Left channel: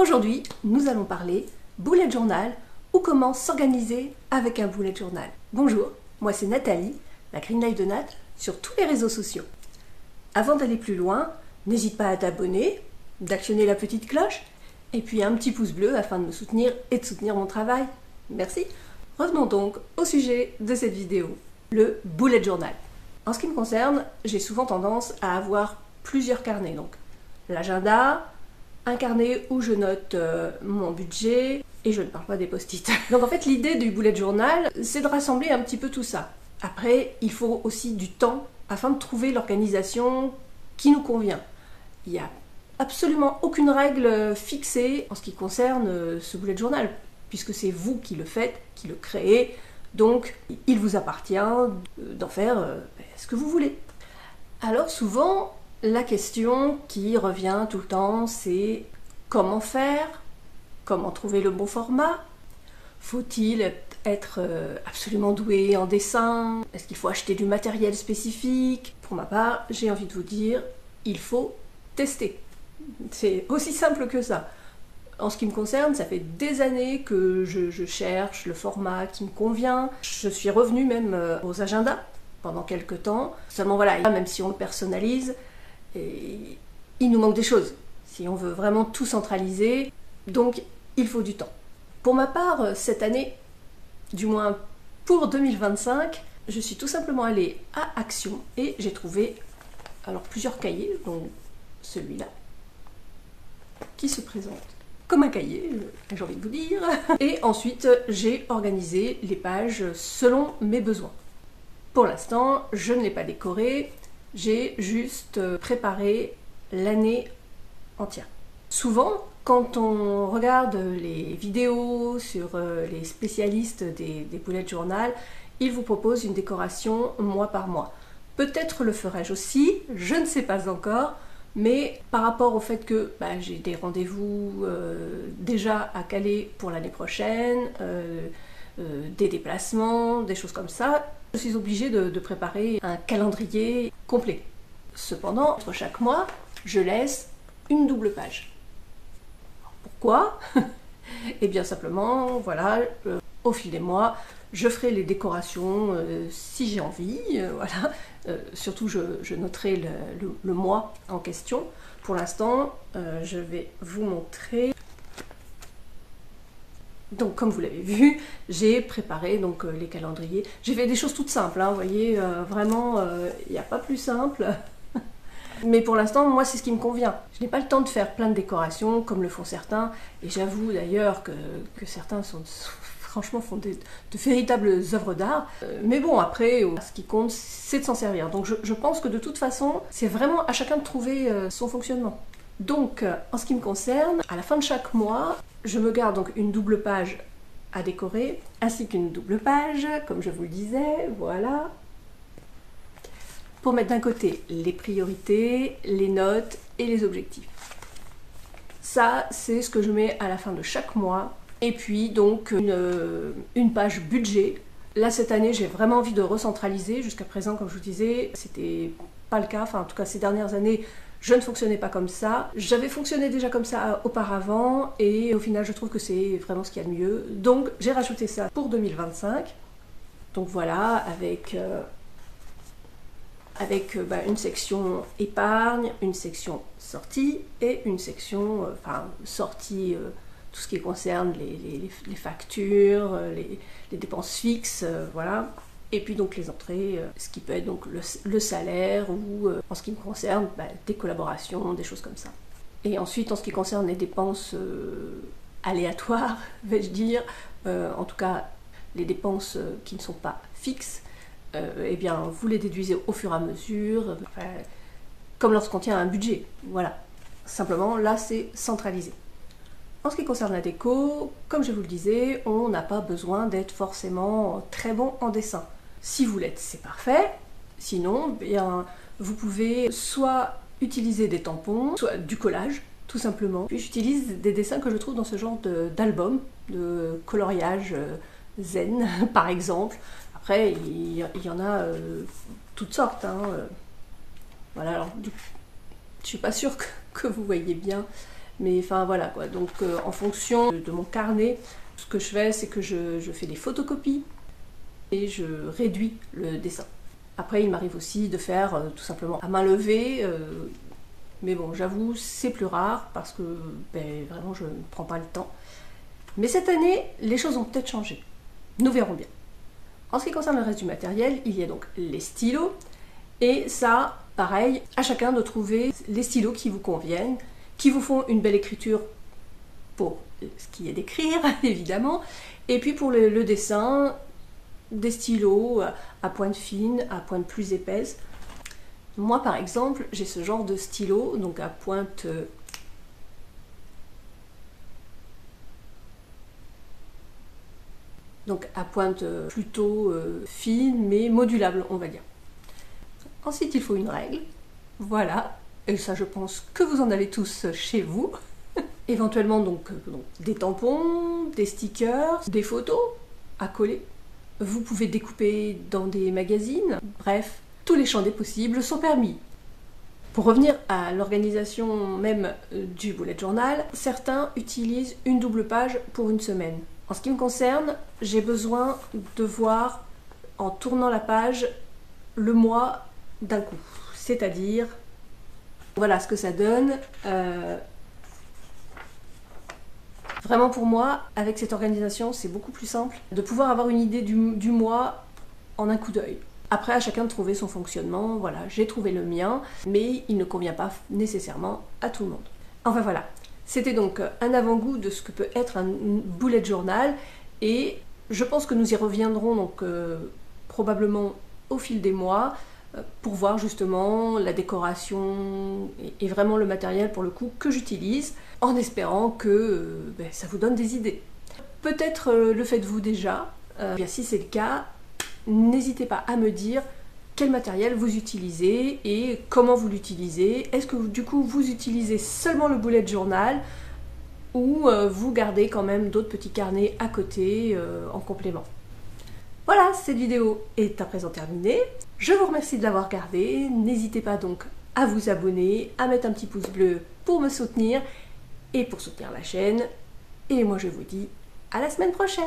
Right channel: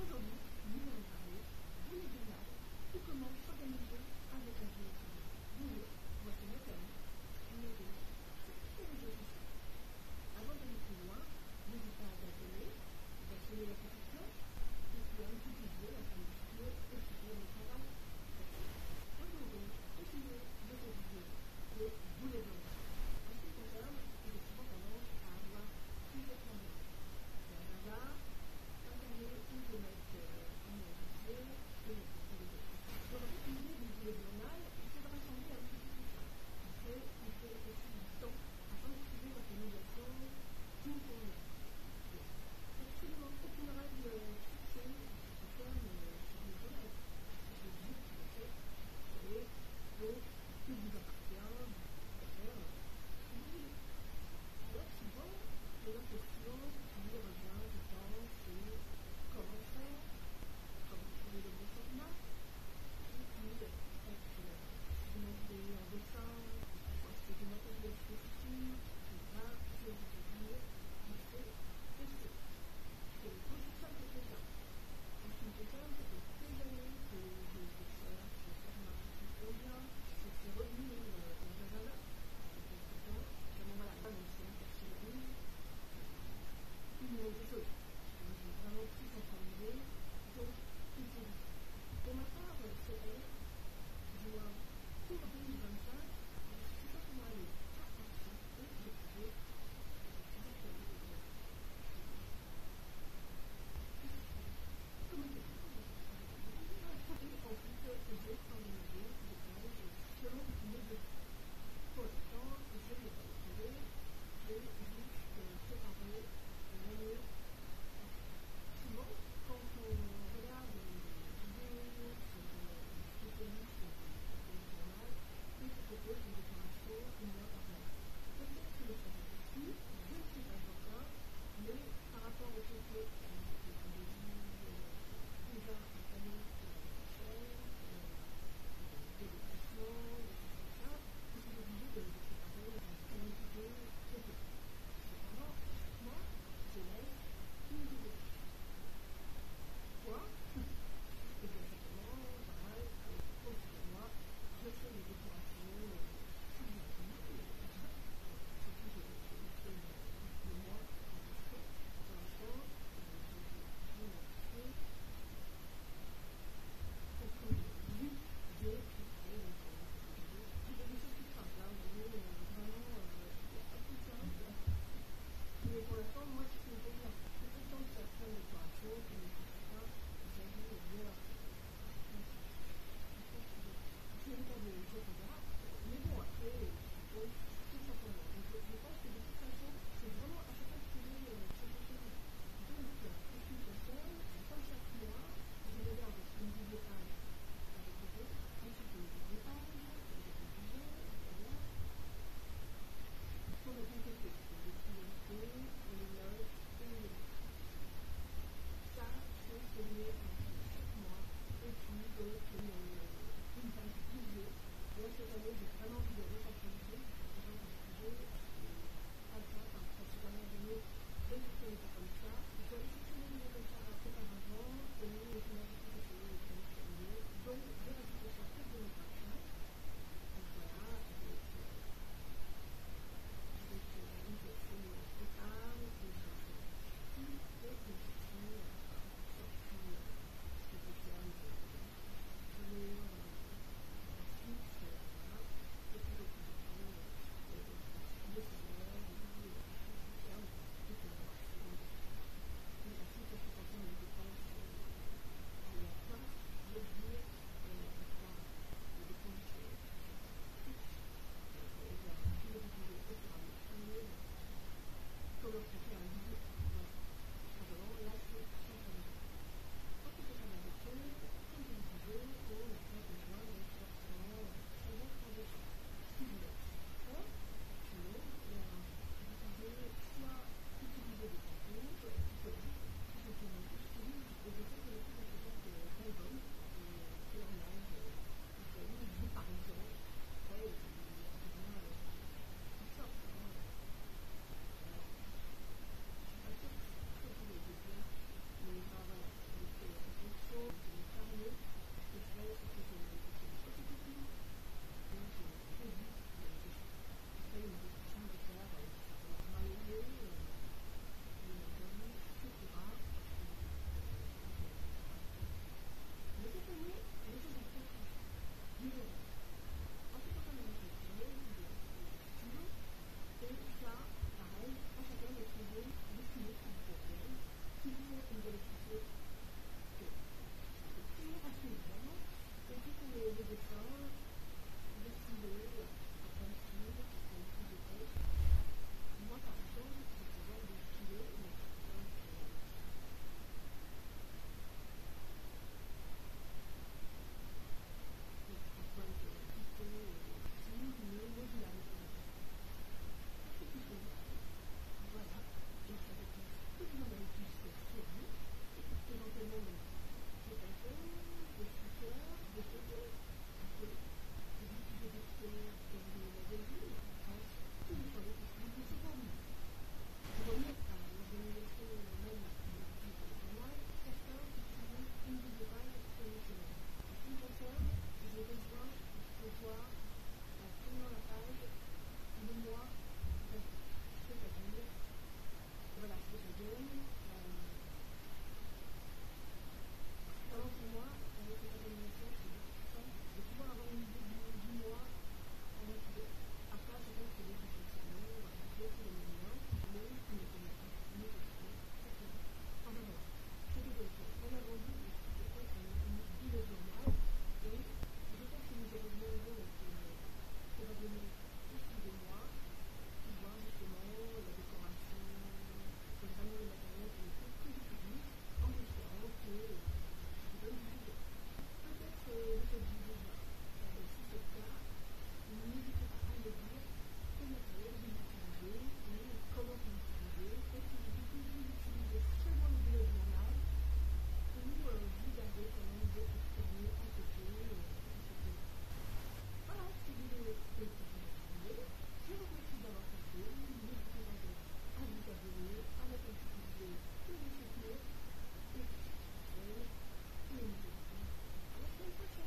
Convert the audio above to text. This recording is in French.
Aujourd'hui, nous allons parler bullet journal ou comment s'organiser avec un bullet journal. Bonjour, moi c'est Nathalie, la Green Life de Nat, sur tous les réseaux sociaux. Avant d'aller plus loin, n'hésite pas à t'abonner, d'actionner la petite cloche et puis un petit pouce bleu afin de me soutenir et de soutenir mon travail. Merci. Revenons donc au sujet de cette vidéo, le bullet journal. En ce qui me concerne, j'ai souvent tendance à avoir plusieurs carnets. Donc l'agenda, un carnet où je note mon budget et je ne parle pas des post-it. Donc en fait l'idée du bullet journal, c'est de rassembler un petit peu tout ça. Après, il faut aussi du temps afin de trouver l'organisation qui nous convient. Il n'y a absolument aucune règle fixée en ce qui concerne ce bullet journal, puisque c'est vous qui le faites, qui le créez, donc il vous appartient d'en faire ce que vous voulez. Alors souvent, la question qui revient tout le temps, c'est comment faire, comment trouver le bon format, faut-il être absolument doué en dessin, est-ce qu'il faut acheter du matériel spécifique? Pour ma part, j'ai envie de vous dire, il faut tester. C'est aussi simple que ça. En ce qui me concerne, ça fait des années que je cherche le format qui me convient. Je suis revenue même aux agendas pendant quelques temps. Seulement voilà, même si on le personnalise, il nous manque des choses. Si on veut vraiment tout centraliser, donc il faut du temps. Pour ma part, cette année, du moins pour 2025, je suis tout simplement allée à Action et j'ai trouvé alors plusieurs cahiers, dont celui-là, qui se présente comme un cahier, j'ai envie de vous dire. Et ensuite, j'ai organisé les pages selon mes besoins. Pour l'instant, je ne l'ai pas décoré, j'ai juste préparé l'année entière. Souvent, quand on regarde les vidéos sur les spécialistes des bullet journal, ils vous proposent une décoration mois par mois. Peut-être le ferai-je aussi, je ne sais pas encore, mais par rapport au fait que j'ai des rendez-vous déjà à caler pour l'année prochaine, des déplacements, des choses comme ça, je suis obligée de préparer un calendrier complet. Cependant, entre chaque mois, je laisse une double page. Pourquoi? Eh bien simplement, voilà, au fil des mois, je ferai les décorations si j'ai envie, voilà. Surtout, je noterai le mois en question. Pour l'instant, je vais vous montrer. Donc, comme vous l'avez vu, j'ai préparé donc, les calendriers. J'ai fait des choses toutes simples, hein, vous voyez, vraiment, il n'y a pas plus simple. Mais pour l'instant, moi, c'est ce qui me convient. Je n'ai pas le temps de faire plein de décorations, comme le font certains. Et j'avoue d'ailleurs que certains franchement font de véritables œuvres d'art. Mais bon, après, ce qui compte, c'est de s'en servir. Donc je pense que de toute façon, c'est vraiment à chacun de trouver son fonctionnement. Donc, en ce qui me concerne, à la fin de chaque mois, je me garde donc une double page à décorer, ainsi qu'une double page, comme je vous le disais, voilà. Pour mettre d'un côté les priorités, les notes et les objectifs. Ça, c'est ce que je mets à la fin de chaque mois. Et puis donc une page budget. Là cette année j'ai vraiment envie de recentraliser. Jusqu'à présent, comme je vous disais, c'était pas le cas. Enfin en tout cas ces dernières années, je ne fonctionnais pas comme ça. J'avais fonctionné déjà comme ça auparavant et au final je trouve que c'est vraiment ce qu'il y a de mieux. Donc j'ai rajouté ça pour 2025. Donc voilà, avec une section épargne, une section sortie et une section sortie, tout ce qui concerne les factures, les dépenses fixes, voilà. Et puis donc les entrées, ce qui peut être donc le salaire ou en ce qui me concerne, des collaborations, des choses comme ça. Et ensuite en ce qui concerne les dépenses aléatoires, vais-je dire, en tout cas les dépenses qui ne sont pas fixes, eh bien, vous les déduisez au fur et à mesure, comme lorsqu'on tient un budget. Voilà. Simplement, là, c'est centralisé. En ce qui concerne la déco, comme je vous le disais, on n'a pas besoin d'être forcément très bon en dessin. Si vous l'êtes, c'est parfait. Sinon, eh bien, vous pouvez soit utiliser des tampons, soit du collage, tout simplement. Puis j'utilise des dessins que je trouve dans ce genre d'album, de coloriage zen, par exemple. Après, il y en a toutes sortes. Hein. Voilà, alors, je ne suis pas sûre que vous voyez bien Mais enfin voilà quoi, donc en fonction de mon carnet, ce que je fais, c'est que je fais des photocopies et je réduis le dessin. Après, il m'arrive aussi de faire tout simplement à main levée, mais bon, j'avoue, c'est plus rare parce que vraiment, je ne prends pas le temps. Mais cette année, les choses ont peut-être changé. Nous verrons bien. En ce qui concerne le reste du matériel, il y a donc les stylos, et ça, pareil, à chacun de trouver les stylos qui vous conviennent, qui vous font une belle écriture pour ce qui est d'écrire, évidemment, et puis pour le dessin, des stylos à pointe fine, à pointe plus épaisse. Moi, par exemple, j'ai ce genre de stylo, donc à pointe plutôt fine, mais modulable, on va dire. Ensuite, il faut une règle, voilà, et ça, je pense que vous en avez tous chez vous. Éventuellement, donc des tampons, des stickers, des photos à coller. Vous pouvez découper dans des magazines, bref, tous les champs des possibles sont permis. Pour revenir à l'organisation même du bullet journal, certains utilisent une double page pour une semaine. En ce qui me concerne, j'ai besoin de voir en tournant la page le mois d'un coup. C'est-à-dire, voilà ce que ça donne. Vraiment pour moi, avec cette organisation, c'est beaucoup plus simple de pouvoir avoir une idée du mois en un coup d'œil. Après, à chacun de trouver son fonctionnement, voilà, j'ai trouvé le mien, mais il ne convient pas nécessairement à tout le monde. Enfin voilà, c'était donc un avant-goût de ce que peut être un bullet journal, et je pense que nous y reviendrons donc probablement au fil des mois, pour voir justement la décoration et vraiment le matériel pour le coup que j'utilise, en espérant que ça vous donne des idées. Peut-être le faites-vous déjà, bien si c'est le cas, n'hésitez pas à me dire quel matériel vous utilisez et comment vous l'utilisez. Est-ce que du coup vous utilisez seulement le bullet journal ou vous gardez quand même d'autres petits carnets à côté en complément. Voilà, cette vidéo est à présent terminée. Je vous remercie de l'avoir regardée. N'hésitez pas donc à vous abonner, à mettre un petit pouce bleu pour me soutenir et pour soutenir la chaîne. Et moi je vous dis à la semaine prochaine.